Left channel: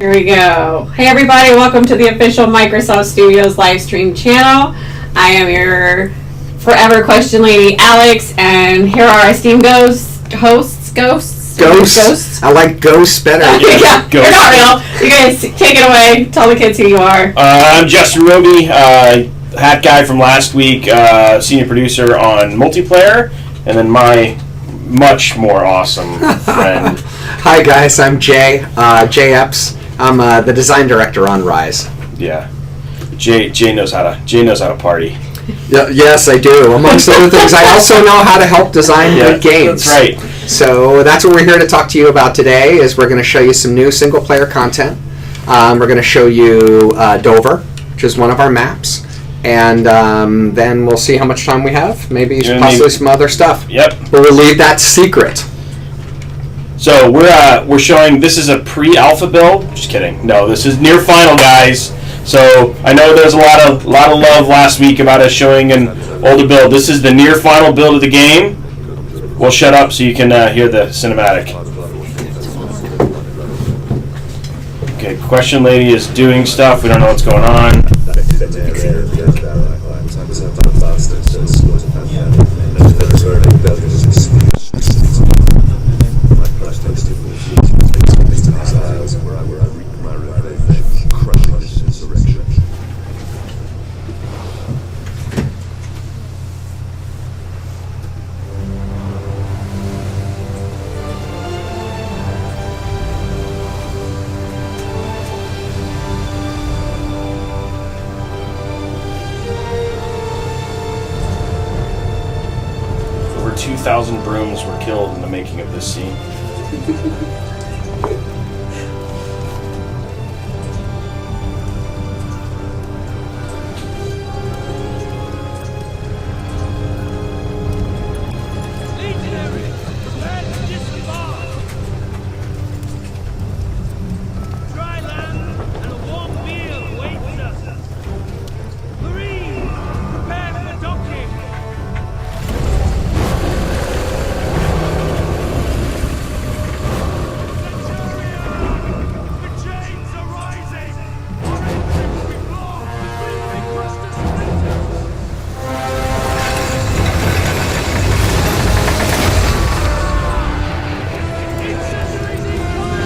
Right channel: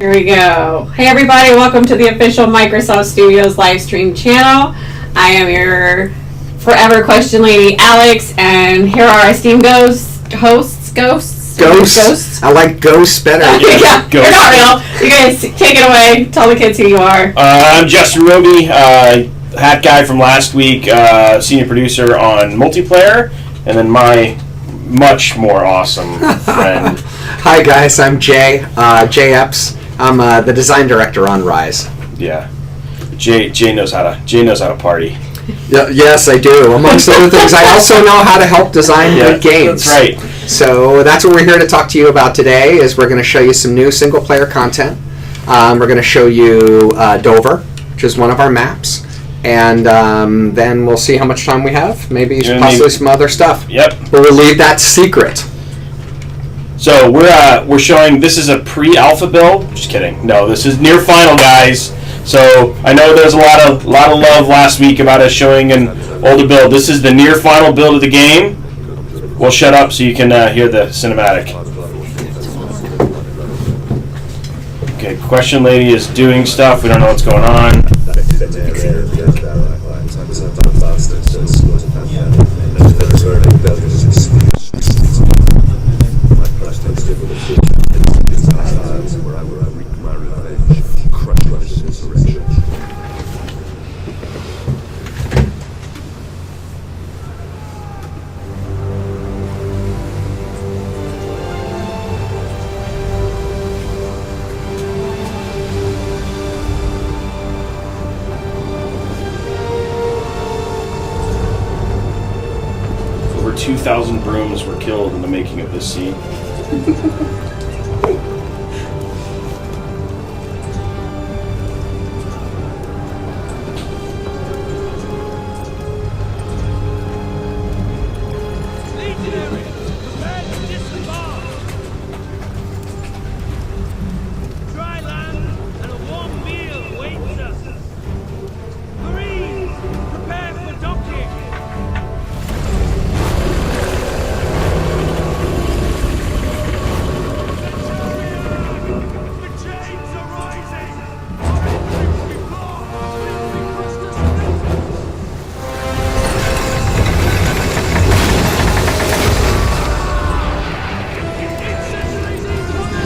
Here we go. Hey everybody, welcome to the official Microsoft Studios live stream channel. I am your forever question lady, Alex, and here are our esteemed hosts. Ghosts. I like ghosts better. Yeah, Ghosts. you're not real. You guys take it away. Tell the kids who you are. I'm Justin Roby, hat guy from last week, senior producer on multiplayer, and then my much more awesome friend. Hi guys, I'm Jay. Jay Epps. I'm the design director on Ryse. Yeah, Jay knows how to party. Yes, I do. Amongst other things, I also know how to help design good games. That's right. So that's what we're here to talk to you about today. Is we're going to show you some new single-player content. We're going to show you Dover, which is one of our maps, and then we'll see how much time we have. Maybe possibly some other stuff. Yep. But we'll leave that secret. So we're showing, this is a pre-alpha build. Just kidding. No, this is near final, guys. So I know there's a lot of love last week about us showing an older build. This is the near final build of the game. We'll shut up so you can hear the cinematic. Okay, question lady is doing stuff. We don't know what's going on. Over 2,000 brooms were killed in the making of this scene. Legionaries, prepare to disembark! Dry land and a warm meal awaits us. Marines, prepare for docking! The chains are rising! Our entry will be blocked! We will be crushed to splinters! Incendiaries incoming!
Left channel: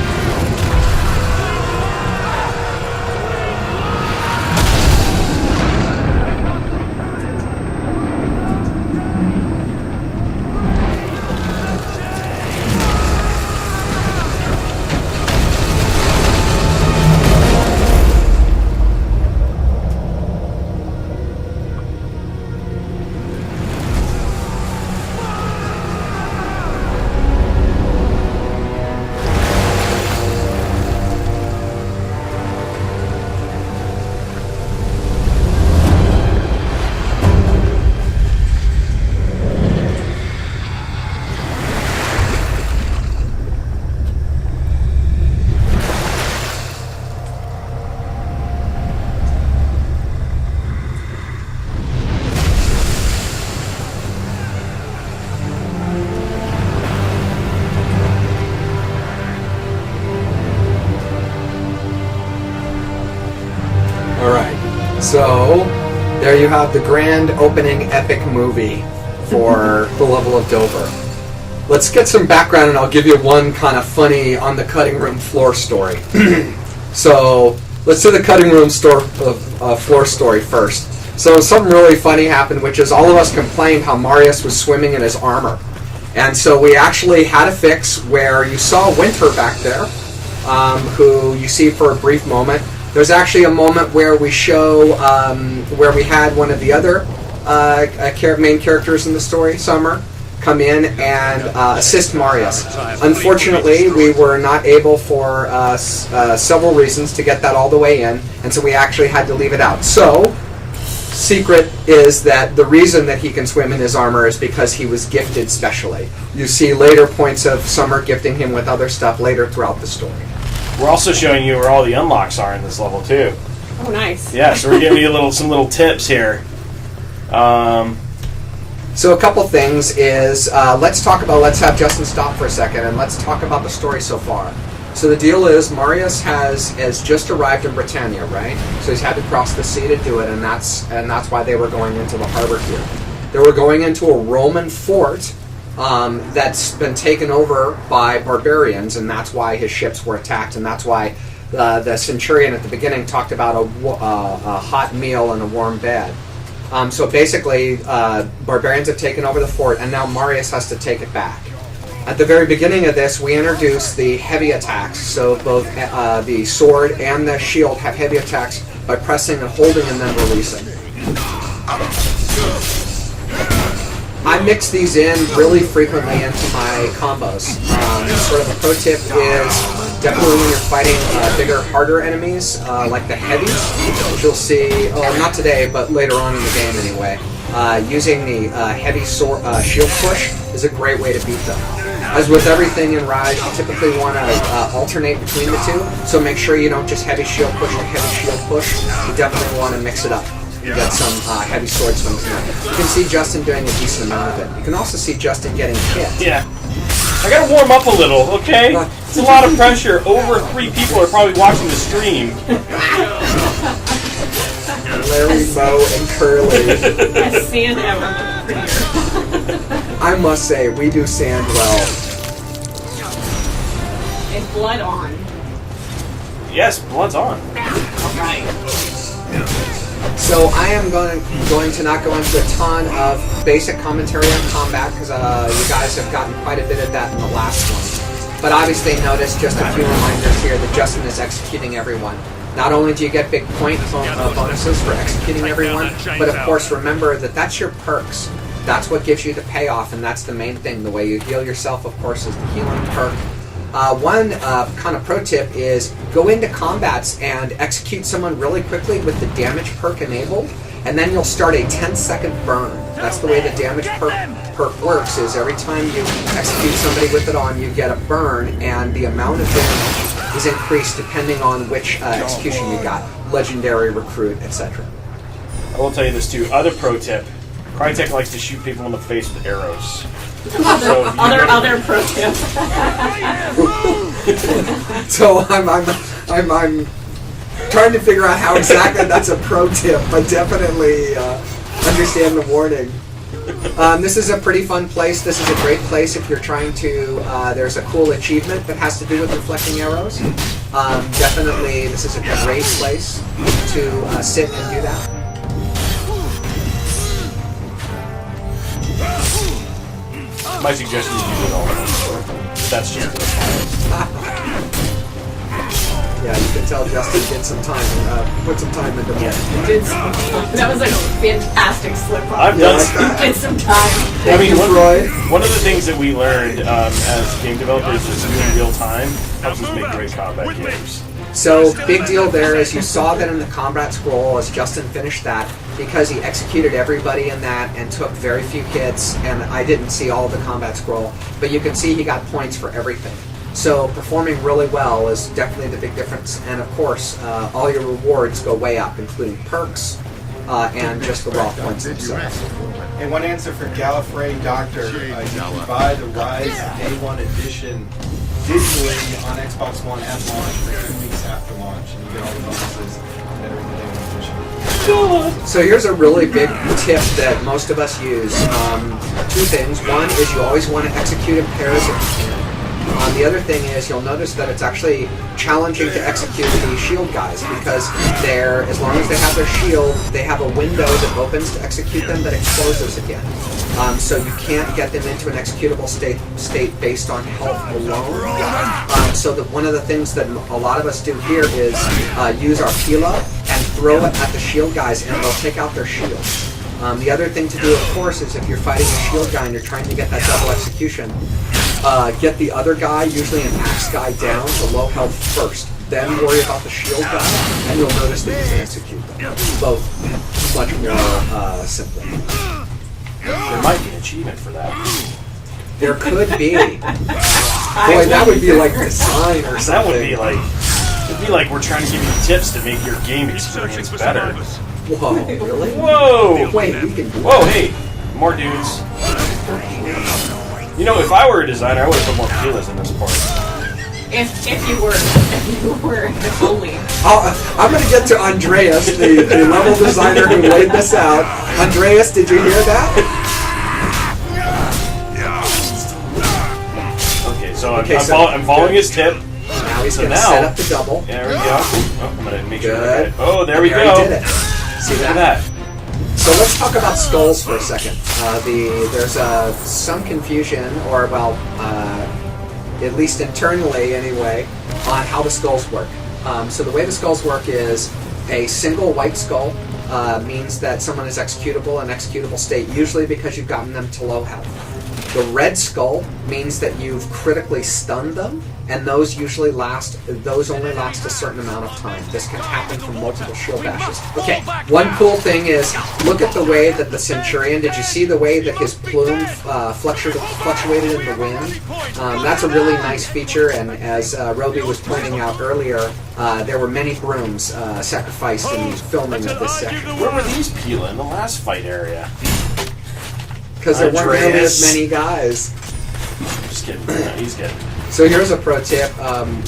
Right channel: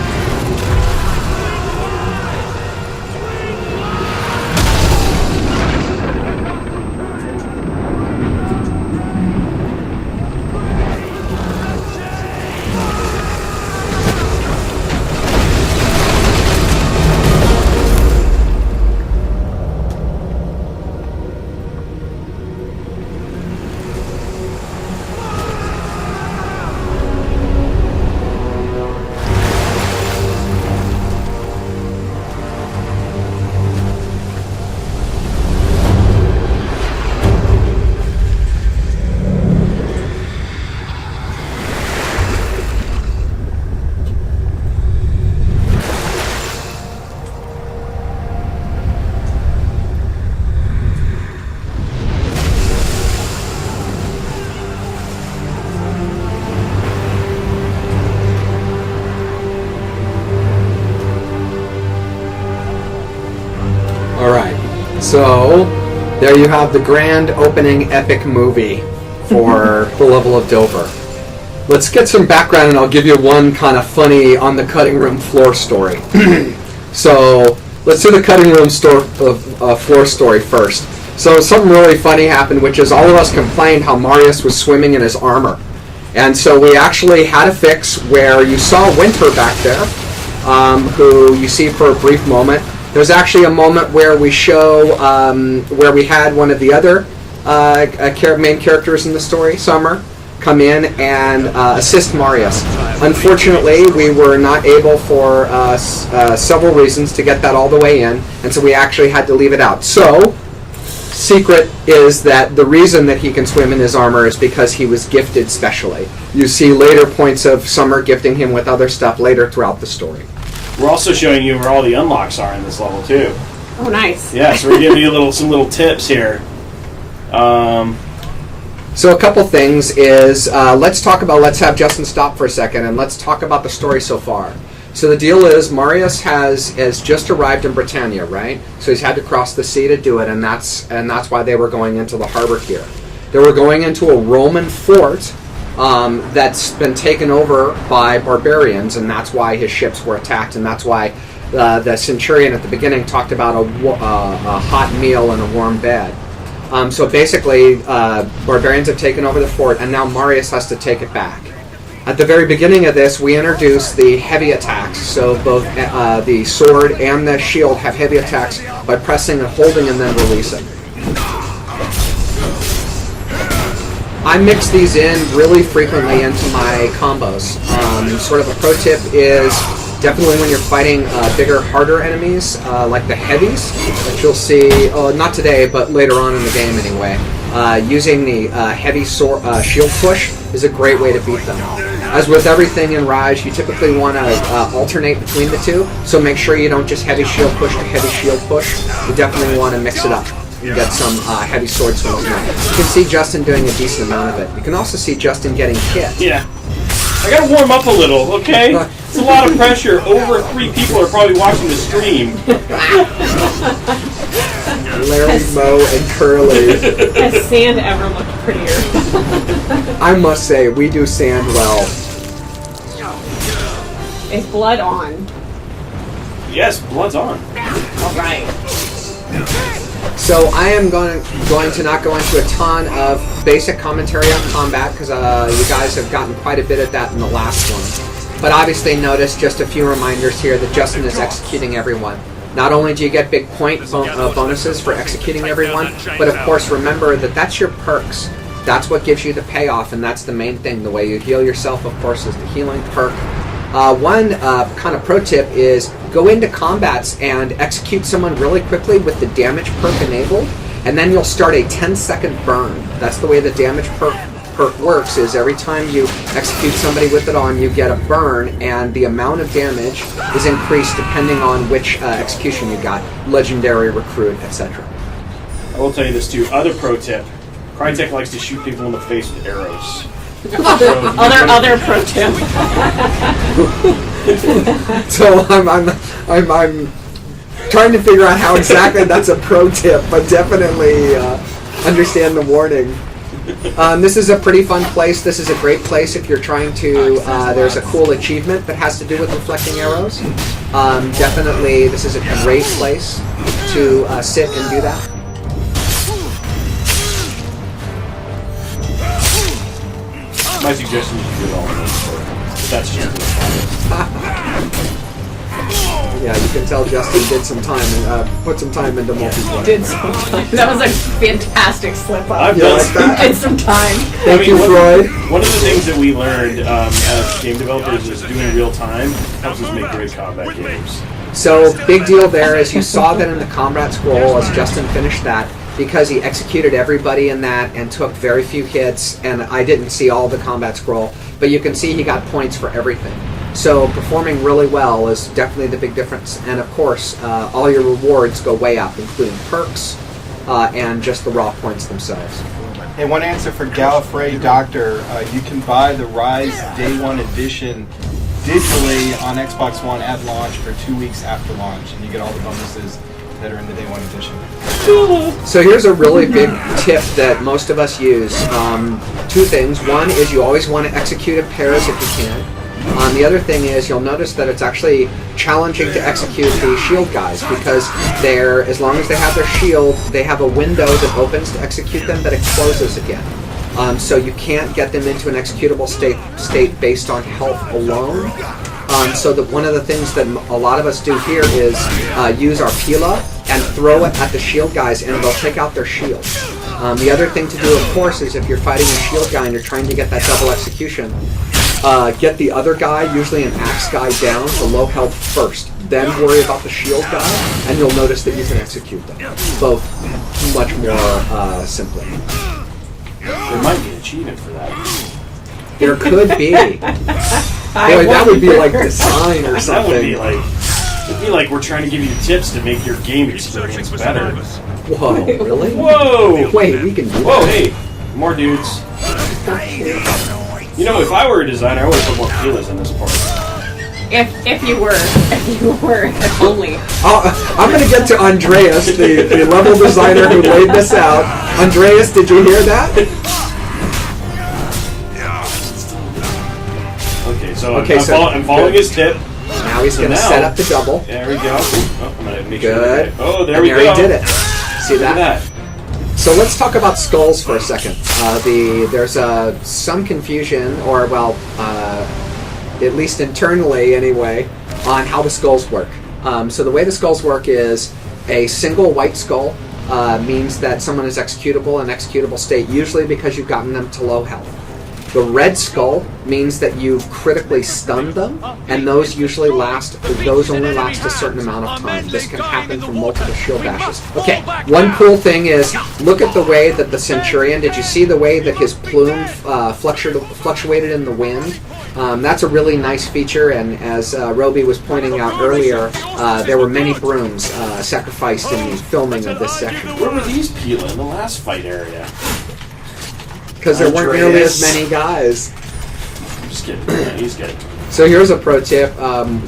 Alright, so there you have the grand opening epic movie for the level of Dover. Let's get some background and I'll give you one kind of funny on the cutting room floor story. So let's do the cutting room floor story first. So something really funny happened, which is all of us complained how Marius was swimming in his armor. And so we actually had a fix where you saw Winter back there, who you see for a brief moment. There's actually a moment where we show where we had one of the other main characters in the story, Summer, come in and assist Marius. Unfortunately, we were not able for several reasons to get that all the way in, and so we actually had to leave it out. So, secret is that the reason that he can swim in his armor is because he was gifted specially. You see later points of Summer gifting him with other stuff later throughout the story. We're also showing you where all the unlocks are in this level too. Oh, nice. Yeah, so we're giving you some little tips here. So a couple things is let's have Justin stop for a second and let's talk about the story so far. So the deal is, Marius has just arrived in Britannia, right? So he's had to cross the sea to do it, and that's why they were going into the harbor here. They were going into a Roman fort that's been taken over by barbarians, and that's why his ships were attacked, and that's why the centurion at the beginning talked about a hot meal and a warm bed. So basically, barbarians have taken over the fort, and now Marius has to take it back. At the very beginning of this, we introduce the heavy attacks. So both the sword and the shield have heavy attacks by pressing and holding and then releasing. I mix these in really frequently into my combos. Sort of a pro tip is definitely when you're fighting bigger, harder enemies, like the heavies, which you'll see, not today, but later on in the game anyway. Using the heavy shield push is a great way to beat them. As with everything in Ryse, you typically want to alternate between the two, so make sure you don't just heavy shield push to heavy shield push. You definitely want to mix it up. You get some heavy sword swings now. You can see Justin doing a decent amount of it. You can also see Justin getting hit. Yeah. I gotta warm up a little, okay? It's a lot of pressure. Over 3 people are probably watching the stream. Larry, Moe, and Curly. Has sand ever looked prettier? I must say, we do sand well. Is blood on? Yes, blood's on. Alright. So I am going to not go into a ton of basic commentary on combat, because you guys have gotten quite a bit of that in the last one. But obviously notice just a few reminders here that Justin is executing everyone. Not only do you get big point bonuses for executing everyone, but of course remember that that's your perks. That's what gives you the payoff, and that's the main thing. The way you heal yourself, of course, is the healing perk. One kind of pro tip is go into combats and execute someone really quickly with the damage perk enabled, and then you'll start a 10-second burn. That's the way the damage perk works, is every time you execute somebody with it on, you get a burn, and the amount of damage is increased depending on which execution you got, legendary, recruit, etc. I will tell you this too. Other pro tip. Crytek likes to shoot people in the face with arrows. So other pro tip. So I'm trying to figure out how exactly that's a pro tip, but definitely understand the warning. This is a pretty fun place. This is a great place if you're trying to. There's a cool achievement that has to do with reflecting arrows. Definitely, this is a great place to sit and do that. my suggestion is you do it all in one sword. But that's just Yeah, you can tell Justin did some time and put some time into multiplayer. That was a fantastic slip up. I've done Did some time. Thank you, Freud. One of the things that we learned as game developers is doing real time helps us make great combat games. So, big deal there is you saw that in the combat scroll as Justin finished that, because he executed everybody in that and took very few hits, and I didn't see all the combat scroll, but you can see he got points for everything. So performing really well is definitely the big difference, and of course all your rewards go way up, including perks and just the raw points themselves. And one answer for Gallifrey Doctor, you can buy the Ryse Day 1 edition digitally on Xbox One at launch for 2 weeks after launch, and you get all the bonuses that are in the Day 1 edition. So here's a really big tip that most of us use. Two things. One is you always want to execute in pairs if you can. The other thing is you'll notice that it's actually challenging to execute the shield guys, because they're, as long as they have their shield, they have a window that opens to execute them, but it closes again. So you can't get them into an executable state based on health alone. So that one of the things that a lot of us do here is use our Pila and throw it at the shield guys, and they'll take out their shields. The other thing to do, of course, is if you're fighting a shield guy and you're trying to get that double execution, get the other guy, usually an axe guy, down to low health first. Then worry about the shield guy, and you'll notice that you can execute them. Both much more simply. There might be an achievement for that. There could be. Boy, that would be like design or something. That would be like, it'd be like we're trying to give you tips to make your game experience better. Whoa, really? Whoa! Wait, we can do Whoa, that. hey, more dudes. You know, if I were a designer, I would have put more feelers in this part. If you were only. I'm going to get to Andreas, the level designer who laid this out. Andreas, did you hear that? Okay, so Okay, I'm following his tip. Now he's going to now- set up the double. There we go. Oh, I'm gonna make sure. Good. Oh, there And we there go. he did it. See Look at that? that. So let's talk about skulls for a second. There's some confusion, or at least internally anyway, on how the skulls work. So the way the skulls work is a single white skull means that someone is executable in executable state, usually because you've gotten them to low health. The red skull means that you've critically stunned them, and those only last a certain amount of time. This can happen from multiple shield bashes. Okay, one cool thing is, look at the way that the Centurion, did you see the way that his plume fluctuated in the wind? That's a really nice feature, and as Roby was pointing out earlier, there were many brooms sacrificed in the filming of this section. Where were these Pila in the last fight area? Because there weren't nearly Andreas. as many guys. Just kidding. Yeah, he's kidding. So here's a pro tip.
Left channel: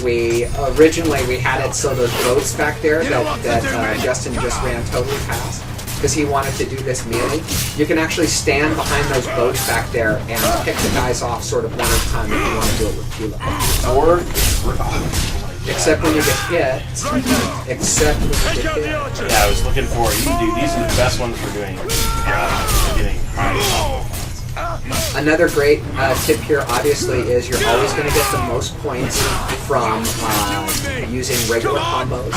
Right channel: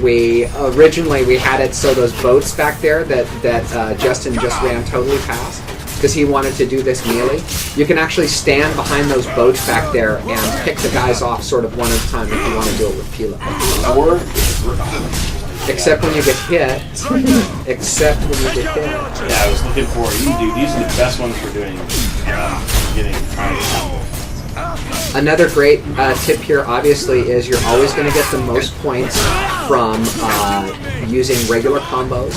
We originally had it so those boats back there that Justin just ran totally past because he wanted to do this melee. You can actually stand behind those boats back there and pick the guys off sort of one at a time if you want to do it with Pila. Except when you get hit. Except when you get hit. Yeah, I was looking for you, dude. These are the best ones we're doing. Getting high. Another great tip here, obviously, is you're always going to get the most points from using regular combos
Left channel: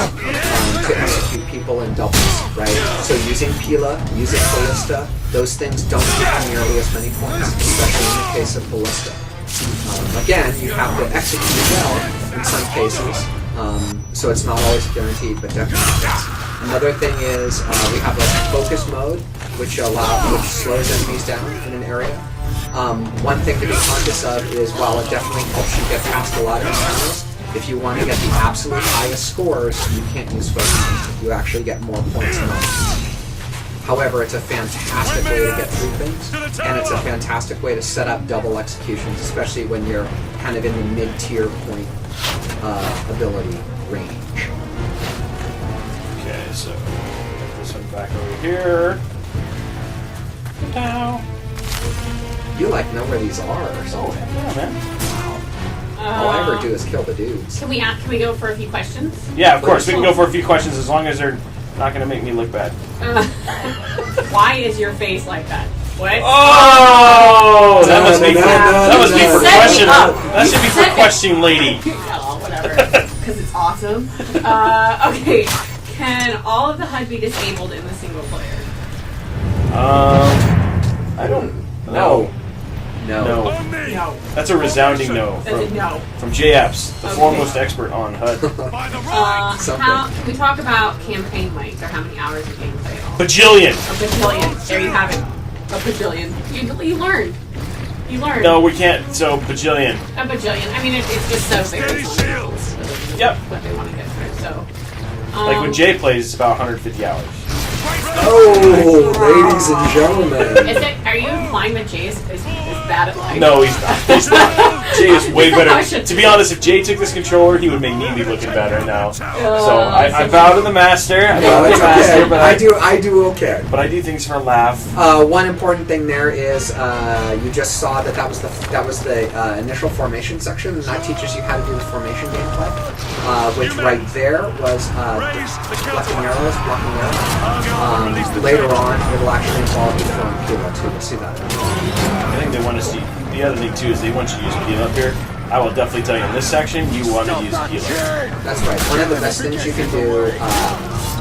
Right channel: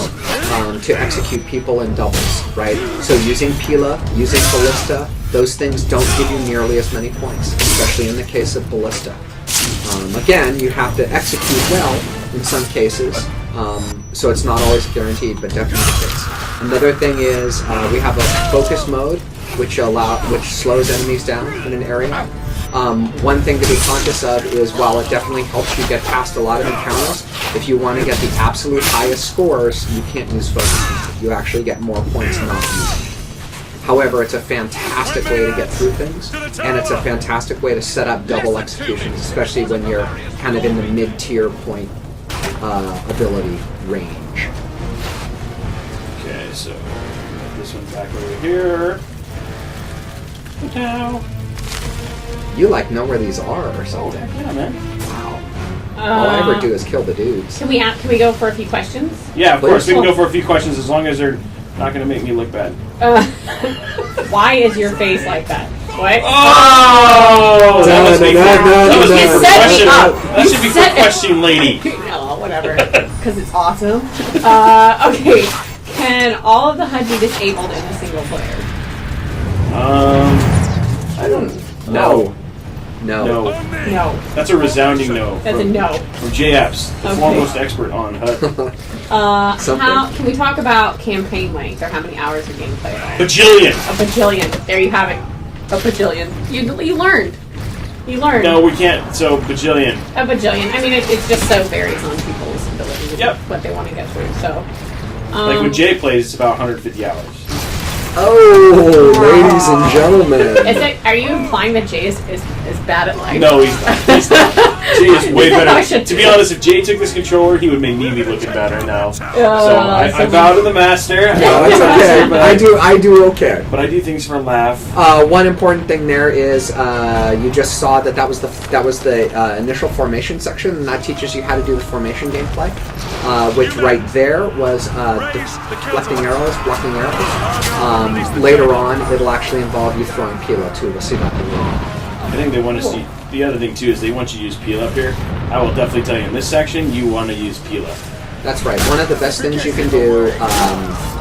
to execute people in doubles, right? So using Pila, using Ballista, those things don't give you nearly as many points, especially in the case of Ballista. Again, you have to execute well in some cases, so it's not always guaranteed, but definitely fits. Another thing is we have a focus mode, which slows enemies down in an area. One thing to be conscious of is while it definitely helps you get past a lot of encounters, if you want to get the absolute highest scores, you can't use focus. You actually get more points not using. However, it's a fantastic way to get through things, and it's a fantastic way to set up double executions, especially when you're kind of in the mid-tier point ability range. Okay, so put this one back over here. Now. You know where these are or something. Yeah, man. Wow. All I ever do is kill the dudes. Can we go for a few questions? Yeah, of course. We can go for a few questions as long as they're not going to make me look bad. Why is your face like that? What? Oh! That must be for question. Up. That should be for question lady. Oh, whatever. Because it's awesome. Okay. Can all of the HUD be disabled in a single player? I don't know. No. No. That's a resounding no. That's a no. From JFs, the Okay. foremost expert on HUD. Something. Can we talk about campaign length or how many hours of gameplay? Bajillion! A bajillion. There you have it. A bajillion. You learned. You learned. No, we can't. So, bajillion. A bajillion. I mean, it's just so very on Yep. what they want to get through. So, Like when Jay plays, it's about 150 hours. Oh, ladies and gentlemen. Are you implying that Jay is bad at life? No, he's not. Jay is way He's not better. shit To be too. honest, if Jay took this controller, he would make me be looking better now. So I bow to the master. No, it's okay. I do okay. But I do things for a laugh. One important thing there is you just saw that was the initial formation section, and that teaches you how to do the formation gameplay. Which right there was blocking arrows. Later on, it'll actually involve you throwing Pila too. We'll see that in a minute. I think they want to see. The other thing too is they want you to use Pila up here. I will definitely tell you in this section, you want to use Pila. That's right. One of the best things you can do,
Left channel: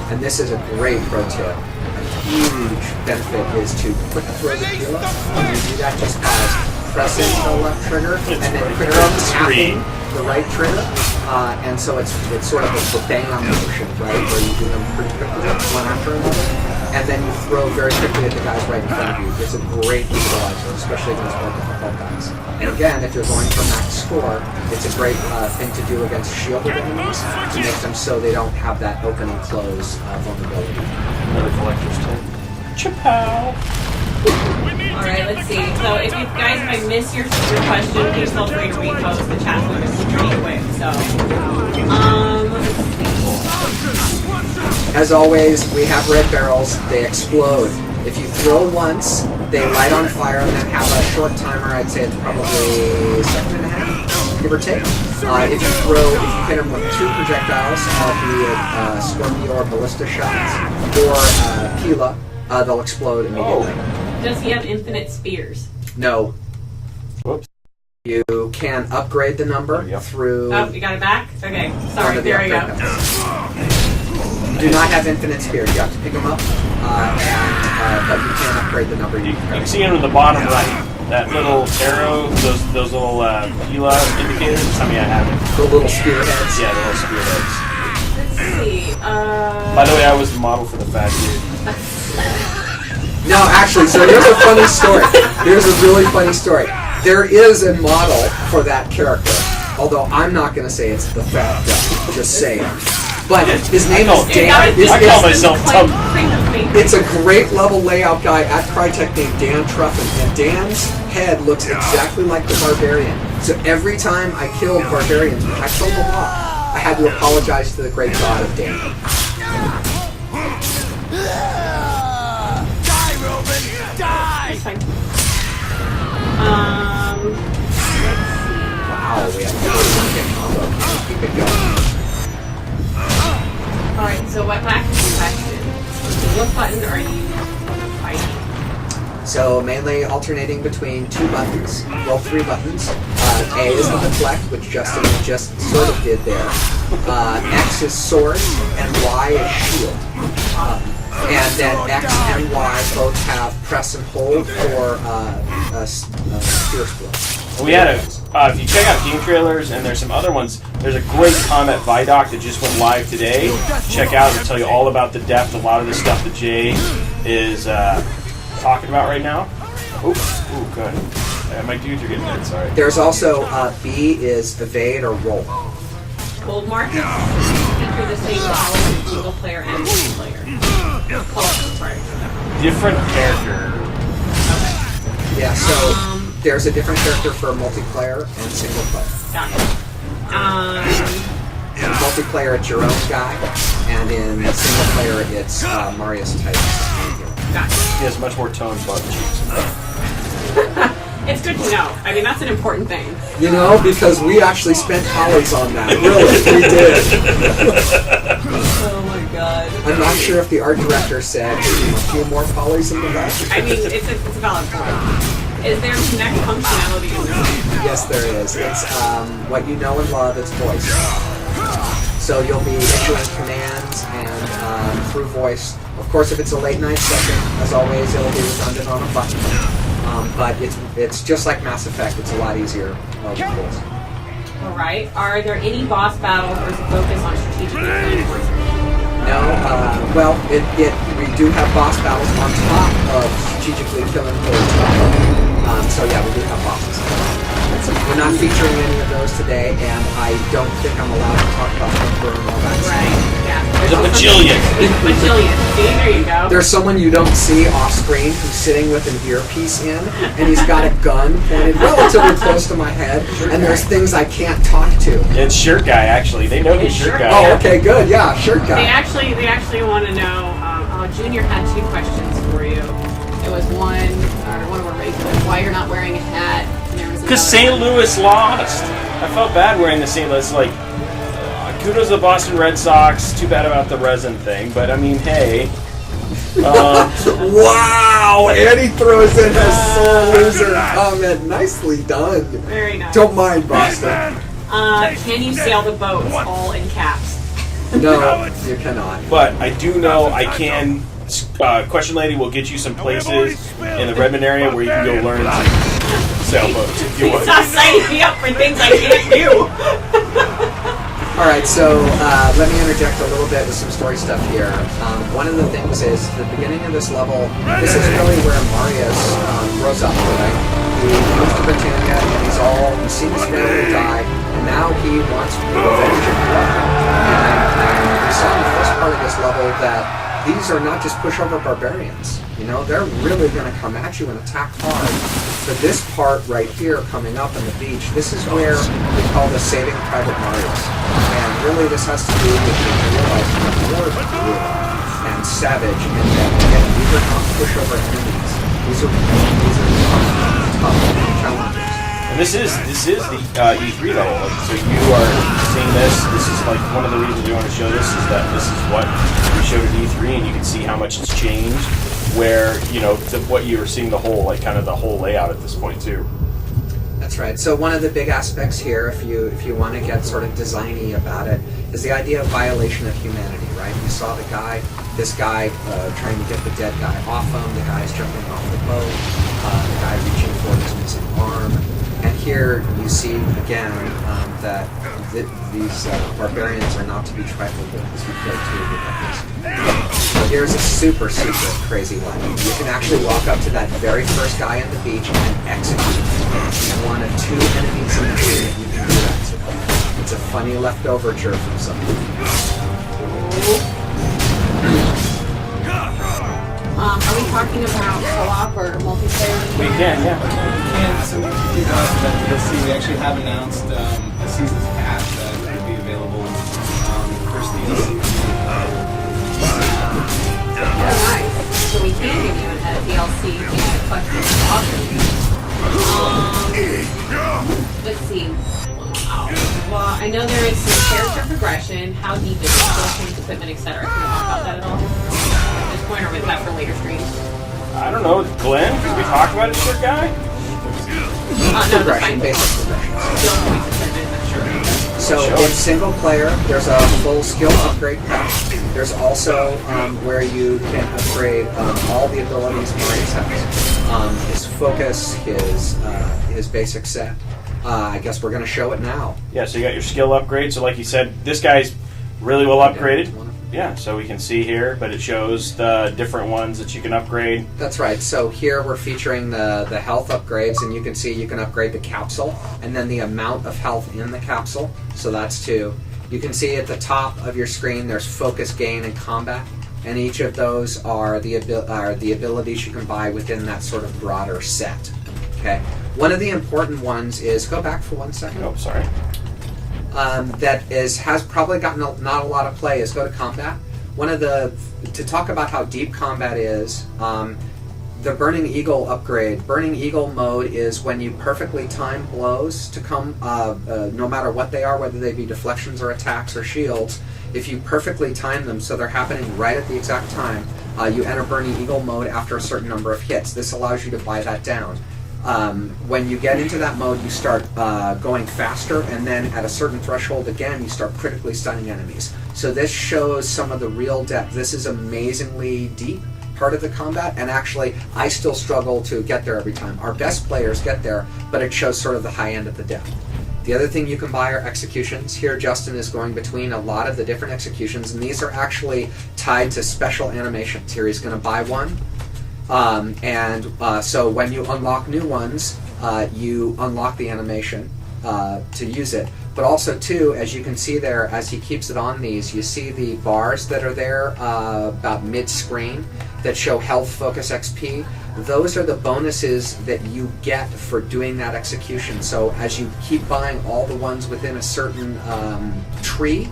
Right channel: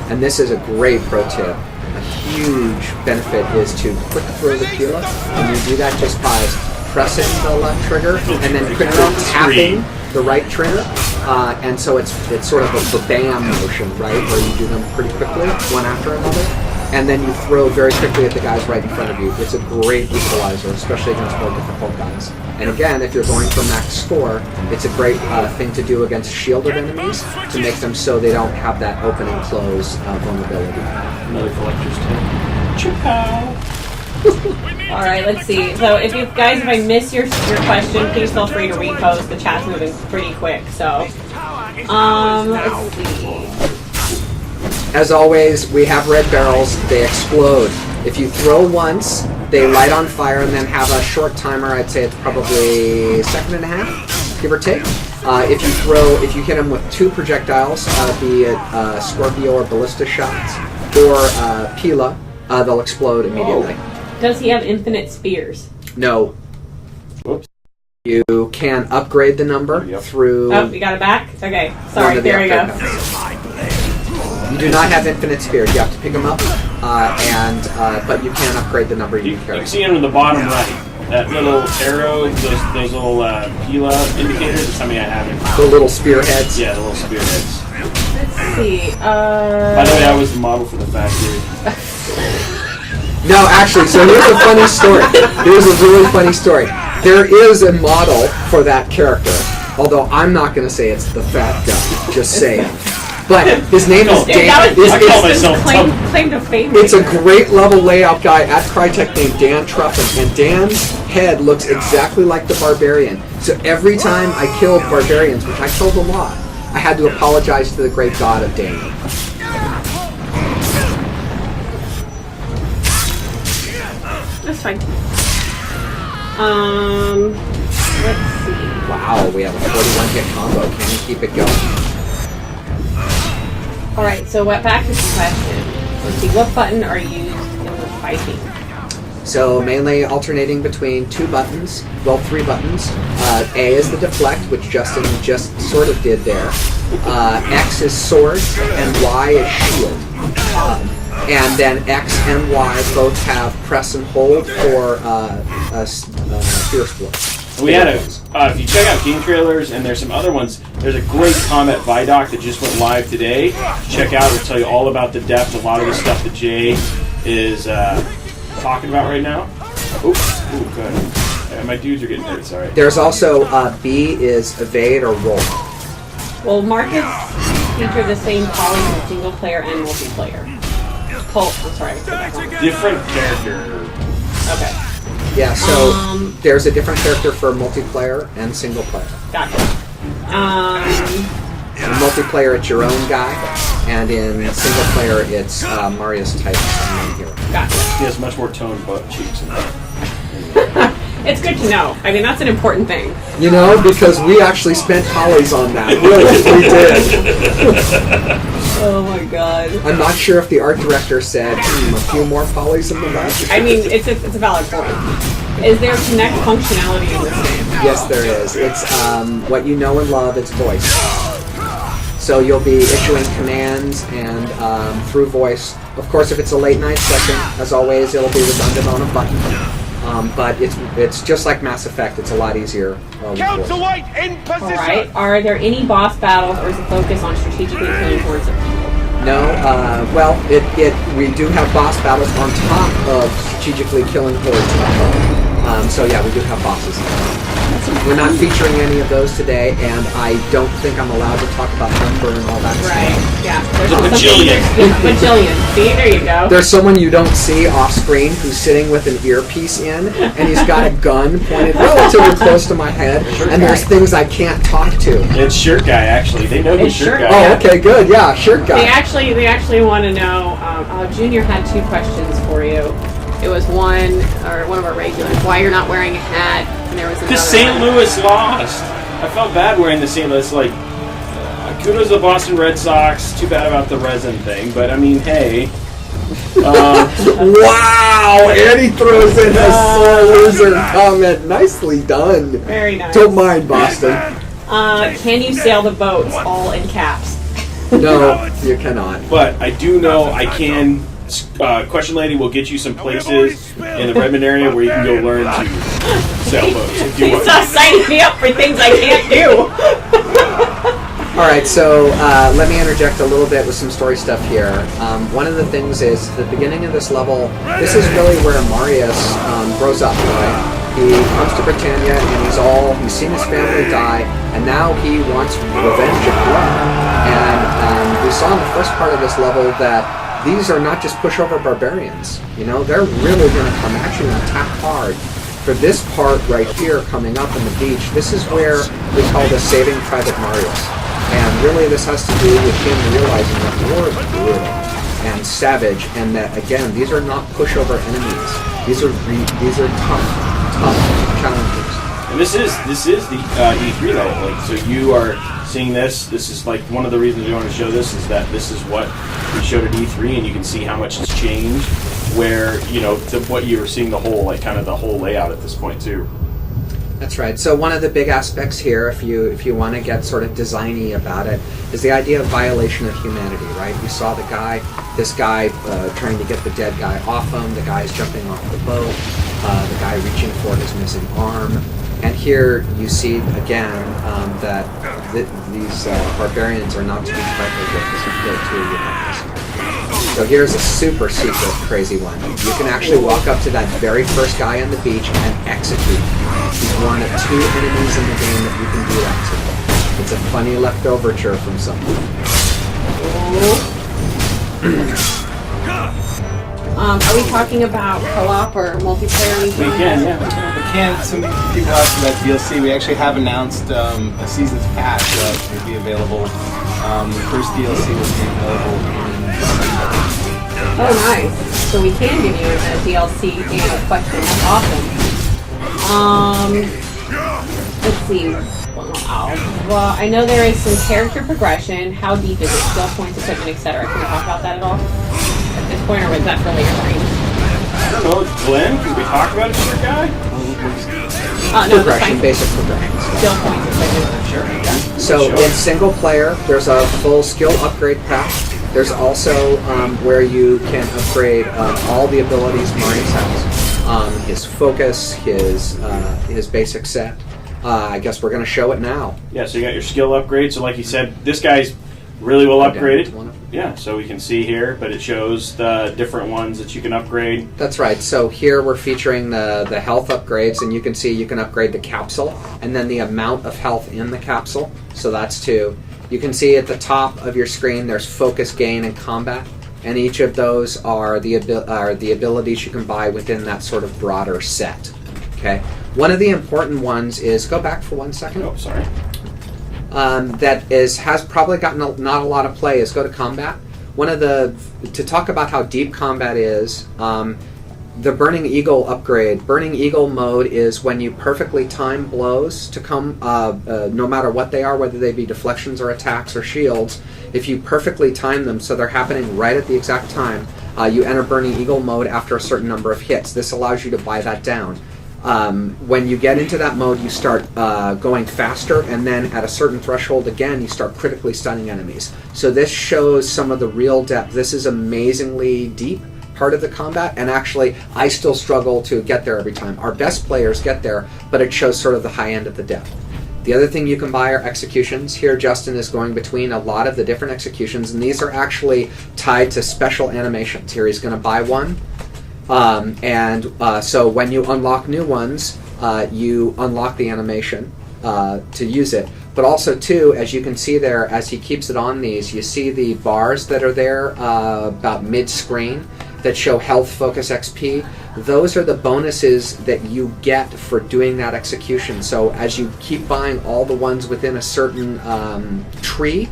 and this is a great pro tip, a huge benefit is to quick throw the Pila. And you do that just by pressing the left trigger and then quickly tapping the right trigger. And so it's sort of a bam motion, right, where you do them pretty quickly, one after another. And then you throw very quickly at the guys right in front of you. It's a great equalizer, especially against more difficult guys. And again, if you're going for max score, it's a great thing to do against shielded enemies to make them so they don't have that open and close vulnerability. Another collector's tip. Chapow. All right, let's see. So if you guys, if I miss your question, please feel free to repost. The chat's moving pretty quick. So, As always, we have red barrels. They explode. If you throw once, they light on fire and then have a short timer. I'd say it's probably a second and a half, give or take. If you hit them with 2 projectiles, be it Scorpio or ballista shots, or Pila, they'll explode immediately. Does he have infinite spears? No. Whoops. You can upgrade the number through. Oh, you got it back? Okay, one sorry, of the there we go. upgrade numbers. You do not have infinite spears. You have to pick them up, but you can upgrade the number You you carry. can see under the bottom right. That little arrow, those little Pila indicators. I mean, I have it. The little spearheads. Yeah, the little spearheads. Let's see. By the way, I was the model for the fat dude. No, actually, so here's a funny story. Here's a really funny story. There is a model for that character, although I'm not going to say it's the fat guy. Just saying. But his name is Dan. I call myself Tub. It's a great level layout guy at Crytek named Dan Truffin, and Dan's head looks exactly like the Barbarian. So every time I killed Barbarians, which I killed a lot, I had to apologize to the great god of Dan. That's fine. Wow, we have a 41 hit combo. Can we keep it going? Alright, so back to the question. Let's see, what button are you fighting? So mainly alternating between 2 buttons, well 3 buttons. A is the deflect, which Justin just sort of did there. X is sword, and Y is shield. And then X and Y both have press and hold for fierce blow. We had if you check out game trailers, and there's some other ones, there's a great Combat Vidoc that just went live today. Check out, it'll tell you all about the depth, a lot of the stuff that Jay is talking about right now. Ooh, good. My dudes are getting hurt, sorry. There's also B is evade or roll. Well, markets feature the same column in single player and multiplayer. Sorry. Different character. Yeah, so there's a different character for multiplayer and single player. Got it. In multiplayer, it's your own guy, and in single player, it's Marius Titus, the main hero. Got it. He has much more toned butt cheeks. It's good to know. I mean, that's an important thing. You know, because we actually spent polys on that. Really, we did. Oh my god. I'm not sure if the art director said a few more polys in the back. I mean, it's a valid point. Is there Connect functionality in this game? Yes, there is. It's what you know and love, it's voice. So you'll be issuing commands and through voice. Of course, if it's a late night session, as always, it'll be redundant on a button. But it's just like Mass Effect. It's a lot easier with voice. Alright. Are there any boss battles or is it focus on strategically playing towards it? No, well, we do have boss battles on top of strategically killing hordes. So yeah, we do have bosses. We're not featuring any of those today, and I don't think I'm allowed to talk about number and all that stuff. Right, yeah. There's a bajillion. Bajillion. See, there you go. There's someone you don't see off screen who's sitting with an earpiece in, and he's got a gun pointed relatively close to my head, and there's things I can't talk to. It's Shirt Guy, actually. They know who's Shirt Guy. Oh, okay, good. Yeah, shirt guy. They actually want to know. Junior had 2 questions for you. It was one of our regulars. Why you're not wearing a hat? And there was Because another St. Louis lost. I felt bad wearing the St. Louis. Like, kudos to the Boston Red Sox. Too bad about the resin thing, but I mean, hey. Wow! Eddie throws in a sore loser comment. Nicely done. Very nice. Don't mind, Boston. Can you sail the boats? All in caps. No, you cannot. But I do know I can. Question Lady will get you some places in the Redmond area where you can go learn to sailboats if you want. Stop signing me up for things I can't do. Alright, so let me interject a little bit with some story stuff here. One of the things is the beginning of this level, this is really where Marius grows up, right? He comes to Britannia and he's seen his family die, and now he wants revenge of blood. And we saw in the first part of this level that these are not just pushover barbarians. You know, they're really going to come at you and attack hard. For this part right here coming up on the beach, this is where we call this Saving Private Marius. And really this has to do with him realizing that war is brutal and savage, and that, again, these are not pushover enemies. These are tough challenges. And this is the E3 level. Like, so you are seeing this. This is like one of the reasons we want to show this is that this is what we showed at E3, and you can see how much it's changed. Where to what you were seeing the whole kind of the whole layout at this point too. That's right. So one of the big aspects here, if you want to get sort of designy about it, is the idea of violation of humanity. Right? You saw this guy trying to get the dead guy off him. The guy's jumping off the boat. The guy reaching for his missing arm. And here you see again that these barbarians are not to be trifled with, as you go through with this. So here's a super crazy one. You can actually walk up to that very first guy on the beach and execute. He's one of 2 enemies in the game that you can do that to. It's a funny leftoverture from someone. Are we talking about co-op or multiplayer? We can, yeah. We can. Some keep watching that DLC. We actually have announced a season's pass that will be available. The first DLC will be available. Oh, nice. So we can give you a DLC to the question. Awesome. Let's see. Well, I know there is some character progression. How deep is it? Skill points, equipment, etc. Can we talk about that at all? At this point, or was that for later screen? I don't know, Glenn. Can we talk about it, sure, guy? Progression, basic progression. Skill points, equipment, sure. So in single player, there's a full skill upgrade path. There's also where you can upgrade all the abilities Marius has. His focus, his basic set. I guess we're going to show it now. Yeah, so you got your skill upgrade. So like you said, this guy's really well upgraded. Yeah, so we can see here, but it shows the different ones that you can upgrade. That's right. So here we're featuring the health upgrades, and you can see you can upgrade the capsule, and then the amount of health in the capsule. So that's 2. You can see at the top of your screen there's focus, gain, and combat, and each of those are the abilities you can buy within that sort of broader set. Okay. One of the important ones is, go back for 1 second. Oh, sorry. Has probably gotten not a lot of play is go to combat. To talk about how deep combat is, the Burning Eagle upgrade. Burning Eagle mode is when you perfectly time blows to come, no matter what they are, whether they be deflections or attacks or shields. If you perfectly time them so they're happening right at the exact time, you enter Burning Eagle mode after a certain number of hits. This allows you to buy that down. When you get into that mode, you start going faster, and then at a certain threshold again, you start critically stunning enemies. So this shows some of the real depth. This is amazingly deep part of the combat, and actually I still struggle to get there every time. Our best players get there, but it shows sort of the high end of the depth. The other thing you can buy are executions. Here Justin is going between a lot of the different executions, and these are actually tied to special animations. Here he's going to buy one. So when you unlock new ones, you unlock the animation to use it. But also, too, as you can see there, as he keeps it on these, you see the bars that are there about mid-screen that show health, focus, XP. Those are the bonuses that you get for doing that execution. So as you keep buying all the ones within a certain tree,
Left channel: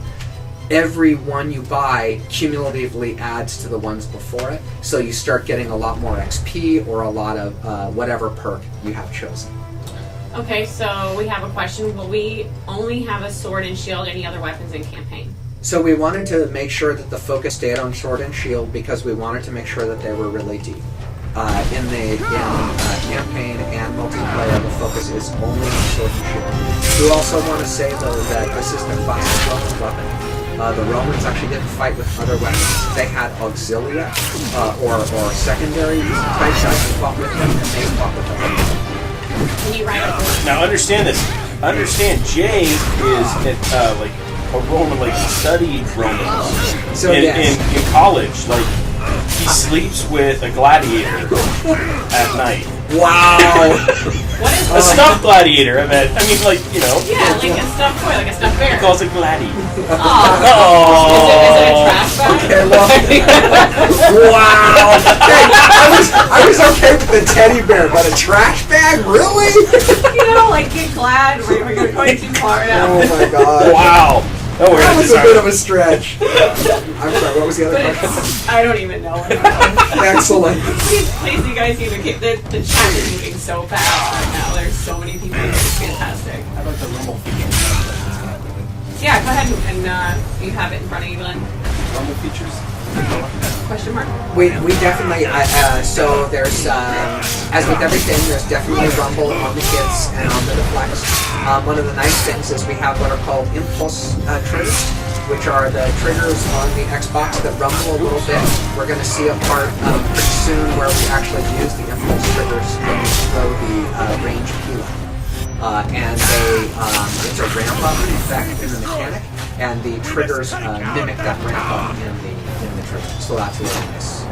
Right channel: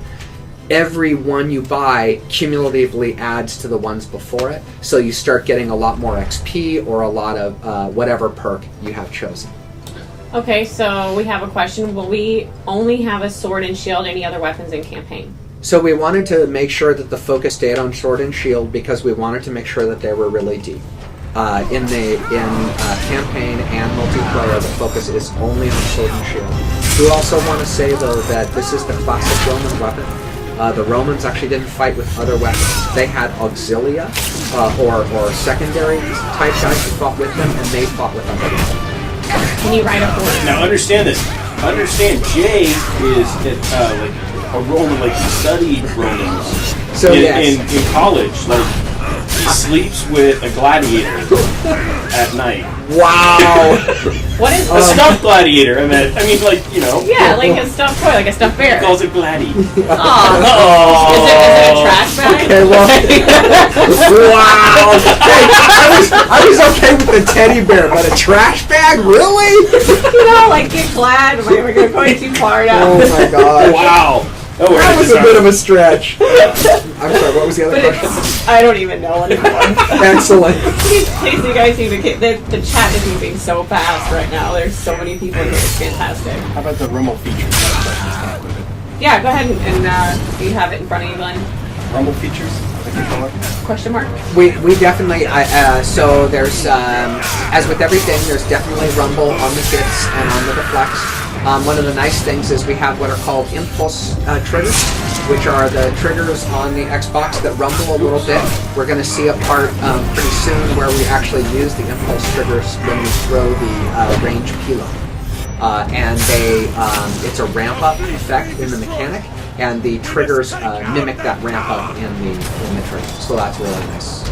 every one you buy cumulatively adds to the ones before it, so you start getting a lot more XP or a lot of whatever perk you have chosen. Okay, so we have a question. Will we only have a sword and shield, any other weapons in campaign? So we wanted to make sure that the focus stayed on sword and shield because we wanted to make sure that they were really deep. In campaign and multiplayer, the focus is only on sword and shield. We also want to say, though, that this is the classic Roman weapon. The Romans actually didn't fight with other weapons. They had auxilia, or secondary type guys who fought with them, and they fought with other weapons. Can you write a Now understand this. Understand Jay is like a Roman, like studied Romans. So in college, like he sleeps with a gladiator at night. Wow! What is A stuffed gladiator. I mean, like, you know. Yeah, like a stuffed toy, like a stuffed bear. He calls it Gladdy. Aw. Is it a trash bag? Okay, well, wow. Okay, I was okay with the teddy bear, but a trash bag, really? You know, like get glad. We're going to go too far now. Oh my god. Wow. Oh, we're That gonna was a bit of a stretch. I'm sorry, what was the other question? I don't even know anymore. Excellent. In case you guys even get the chat is moving so fast right now. There's so many people. It's fantastic. How about the Rumble features? Yeah, go ahead and you have it in front of you, Glenn. Rumble features? Question mark. We definitely, so there's, as with everything, there's definitely rumble on the kits and on the Deflex. One of the nice things is we have what are called impulse triggers, which are the triggers on the Xbox that rumble a little bit. We're going to see a part pretty soon where we actually use the impulse triggers when we throw the range kilo. And it's a ramp up effect in the mechanic, and the triggers mimic that ramp up in the trigger. So that's really nice.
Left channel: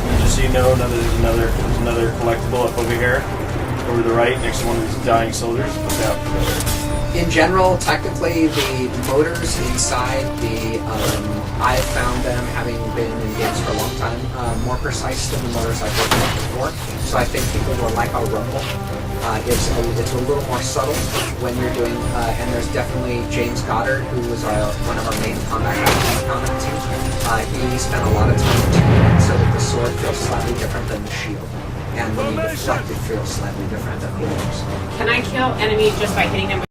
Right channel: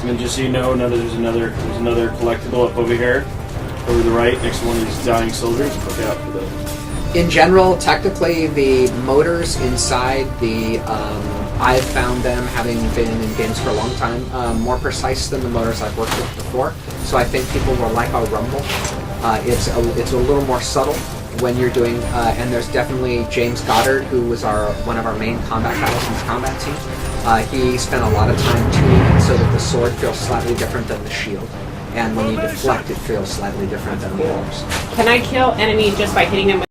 And then just so you know, there's another collectible up over here, over the right, next to one of these dying soldiers. Look out for those. In general, technically, the motors inside the I've found them, having been in games for a long time, more precise than the motors I've worked with before. So I think people will like our rumble. It's a little more subtle when you're doing, and there's definitely James Goddard, who was one of our main combat guys in the combat team. He spent a lot of time tuning it so that the sword feels slightly different than the shield. And when you deflect, it feels slightly different than the others. Can I kill enemies just by hitting them with